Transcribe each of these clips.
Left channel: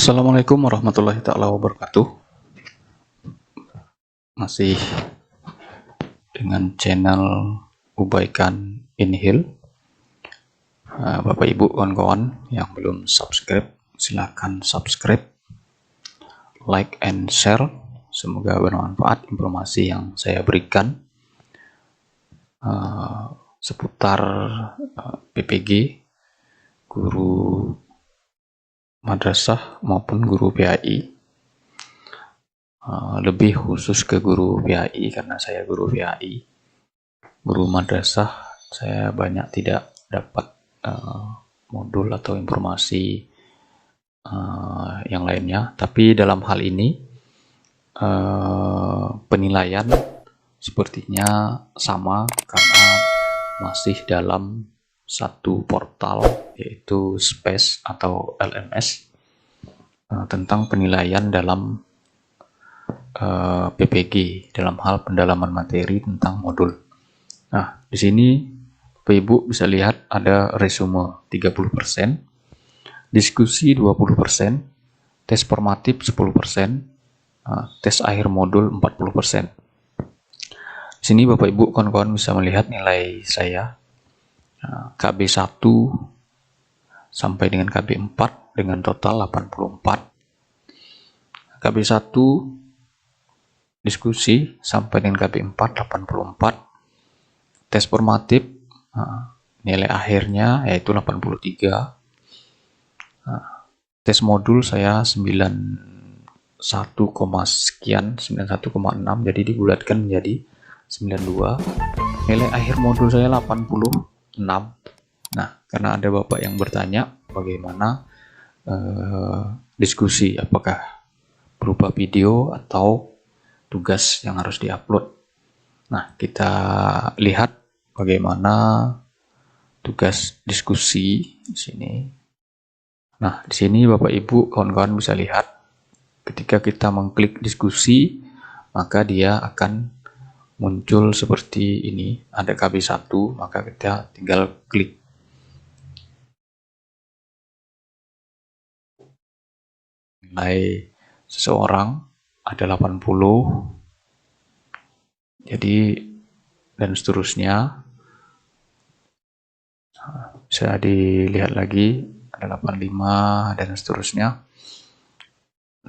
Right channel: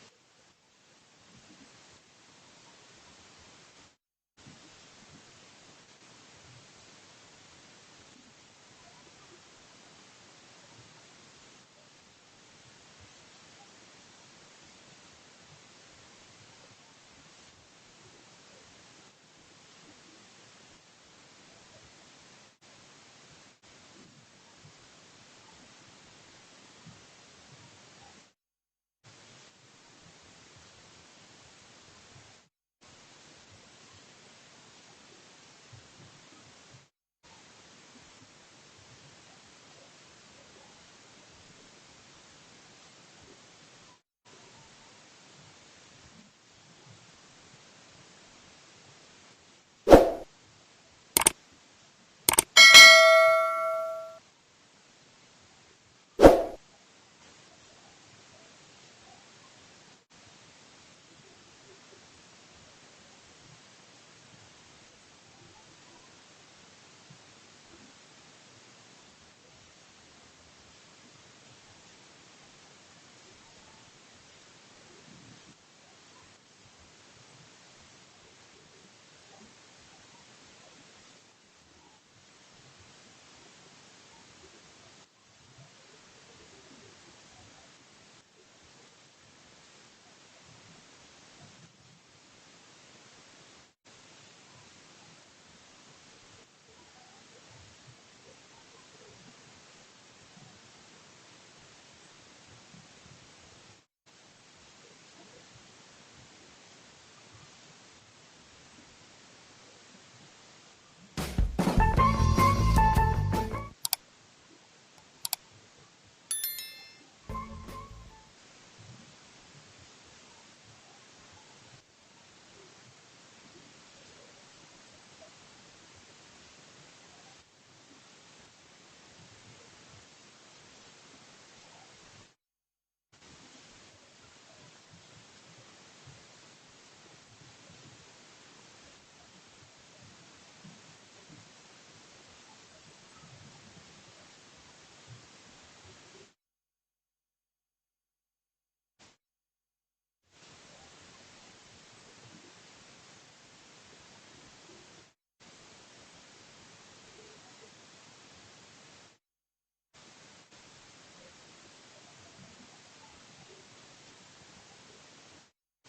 Assalamualaikum warahmatullahi taala wabarakatuh. Masih dengan channel Ubaikan Inhil. Bapak Ibu kawan-kawan yang belum subscribe, silakan subscribe, like and share. Semoga bermanfaat informasi yang saya berikan seputar PPG, guru madrasah maupun guru PAI. Lebih khusus ke guru PAI karena saya guru PAI. Guru madrasah saya banyak tidak dapat modul atau informasi yang lainnya, tapi dalam hal ini penilaian sepertinya sama karena masih dalam satu portal yaitu SPACE atau LMS tentang penilaian dalam PPG dalam hal pendalaman materi tentang modul. Nah, di sini Bapak Ibu bisa lihat ada resume 30%, diskusi 20%, tes formatif 10%, tes akhir modul 40%. Di sini Bapak Ibu kawan-kawan bisa melihat nilai saya KB1 sampai dengan KB4 dengan total 84. KB1 diskusi sampai dengan KB4 84. Tes formatif nilai akhirnya yaitu 83. Tes modul saya 91, sekian 91,6, jadi dibulatkan menjadi 92. Nilai akhir modul saya 86. Nah, karena ada Bapak yang bertanya bagaimana diskusi, apakah berupa video atau tugas yang harus diupload. Nah, kita lihat bagaimana tugas diskusi di sini. Nah, di sini Bapak Ibu kawan-kawan bisa lihat ketika kita mengklik diskusi, maka dia akan muncul seperti ini. Ada KB1, maka kita tinggal klik. Nilai seseorang ada 80. Jadi dan seterusnya. Bisa dilihat lagi ada 85 dan seterusnya.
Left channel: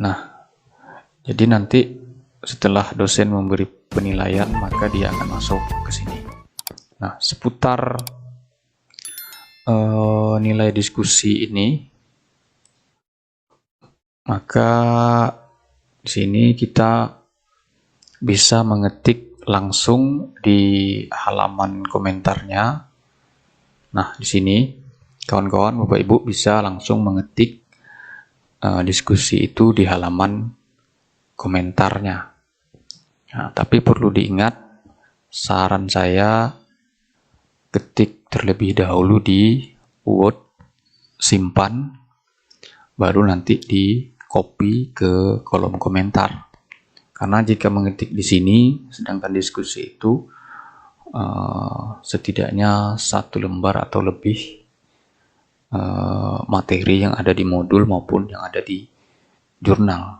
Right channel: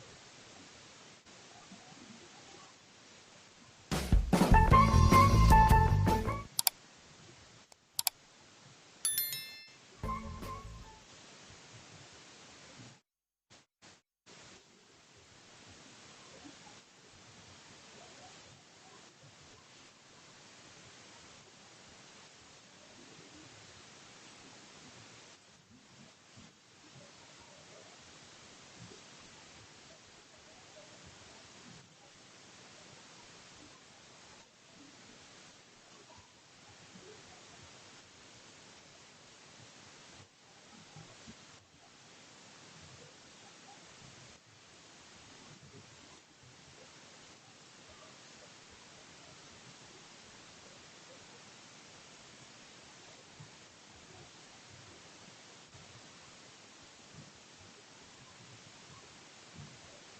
Nah, jadi nanti setelah dosen memberi penilaian maka dia akan masuk ke sini. Nah, seputar nilai diskusi ini, maka di sini kita bisa mengetik langsung di halaman komentarnya. Nah, di sini kawan-kawan Bapak Ibu bisa langsung mengetik diskusi itu di halaman komentarnya. Nah, tapi perlu diingat, saran saya ketik terlebih dahulu di Word, simpan, baru nanti di copy ke kolom komentar. Karena jika mengetik di sini, sedangkan diskusi itu setidaknya 1 lembar atau lebih materi yang ada di modul maupun yang ada di jurnal.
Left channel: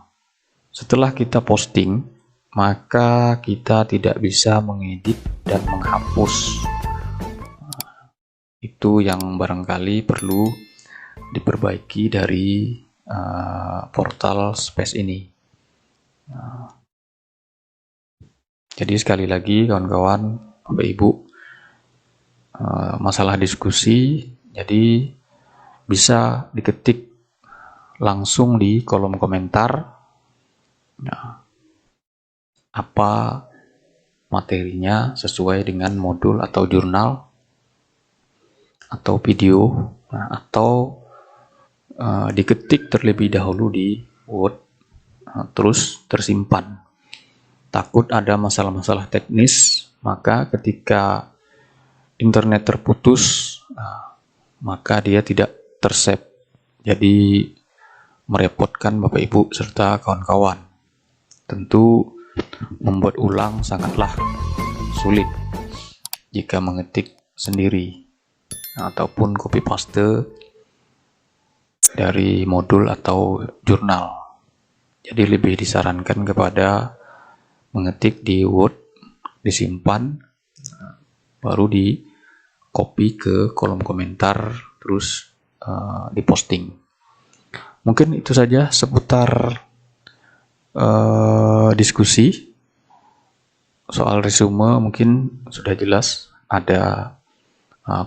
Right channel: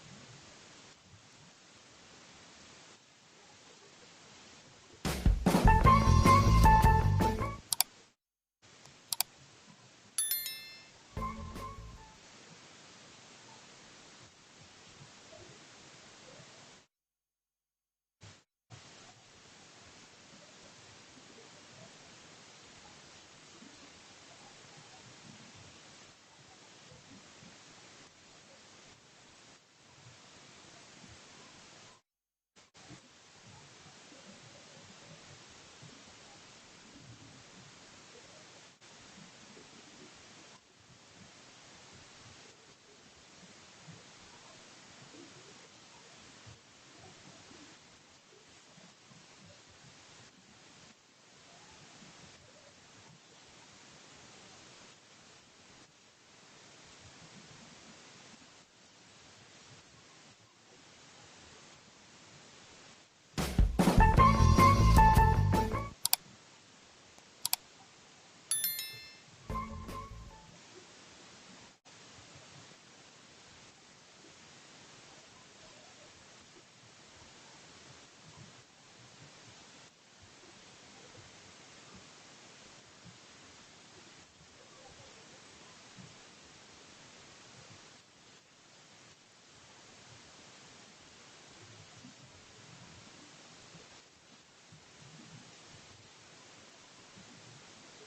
Setelah kita posting, maka kita tidak bisa mengedit dan menghapus. Itu yang barangkali perlu diperbaiki dari portal SPACE ini. Jadi sekali lagi kawan-kawan, Bapak Ibu, masalah diskusi, jadi bisa diketik langsung di kolom komentar apa materinya sesuai dengan modul atau jurnal atau video, atau diketik terlebih dahulu di Word, terus tersimpan. Takut ada masalah-masalah teknis, maka ketika internet terputus, maka dia tidak tersave. Jadi merepotkan Bapak Ibu serta kawan-kawan. Tentu membuat ulang sangatlah sulit jika mengetik sendiri ataupun copy paste dari modul atau jurnal. Jadi lebih disarankan kepada mengetik di Word, disimpan, baru di copy ke kolom komentar, terus diposting. Mungkin itu saja seputar diskusi. Soal resume mungkin sudah jelas, ada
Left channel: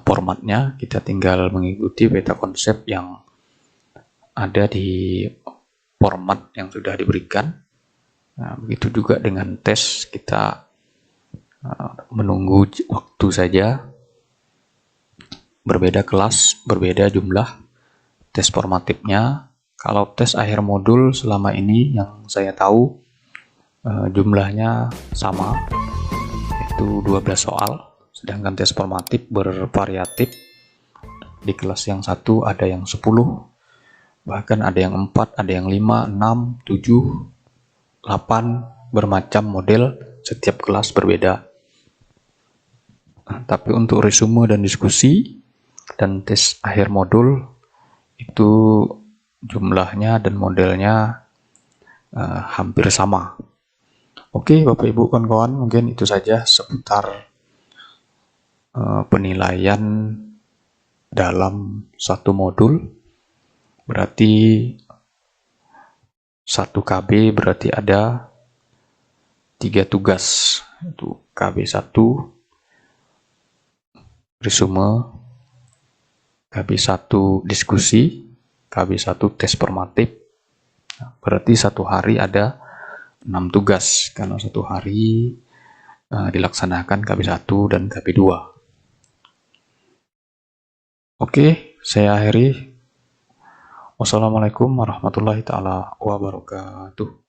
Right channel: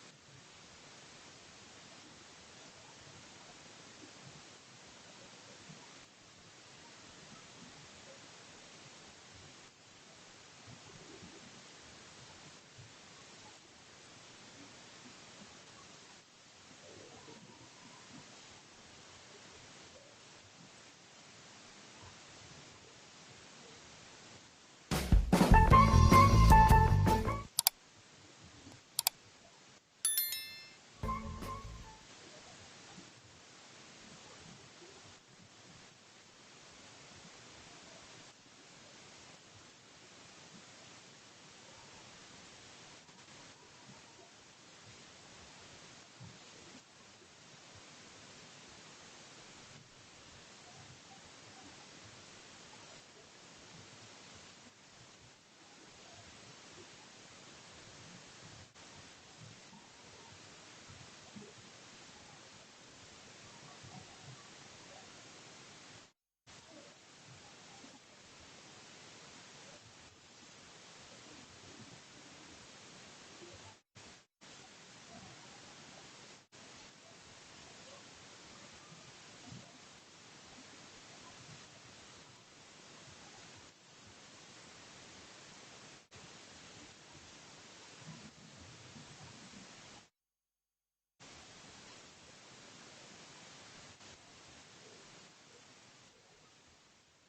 formatnya, kita tinggal mengikuti peta konsep yang ada di format yang sudah diberikan. Nah, begitu juga dengan tes, kita menunggu waktu saja. Berbeda kelas, berbeda jumlah tes formatifnya. Kalau tes akhir modul selama ini yang saya tahu jumlahnya sama, itu 12 soal. Sedangkan tes formatif bervariatif. Di kelas yang satu ada yang 10, bahkan ada yang 4, ada yang 5, 6, 7, 8, bermacam model, setiap kelas berbeda. Nah, tapi untuk resume dan diskusi dan tes akhir modul itu jumlahnya dan modelnya hampir sama. Oke, Bapak Ibu kawan-kawan, mungkin itu saja seputar penilaian dalam satu modul. Berarti 1 KB berarti ada 3 tugas. Itu KB 1 resume, KB 1 diskusi, KB 1 tes formatif. Berarti satu hari ada 6 tugas, karena satu hari dilaksanakan KB 1 dan KB 2. Oke, saya akhiri. Wassalamualaikum warahmatullahi taala wabarakatuh.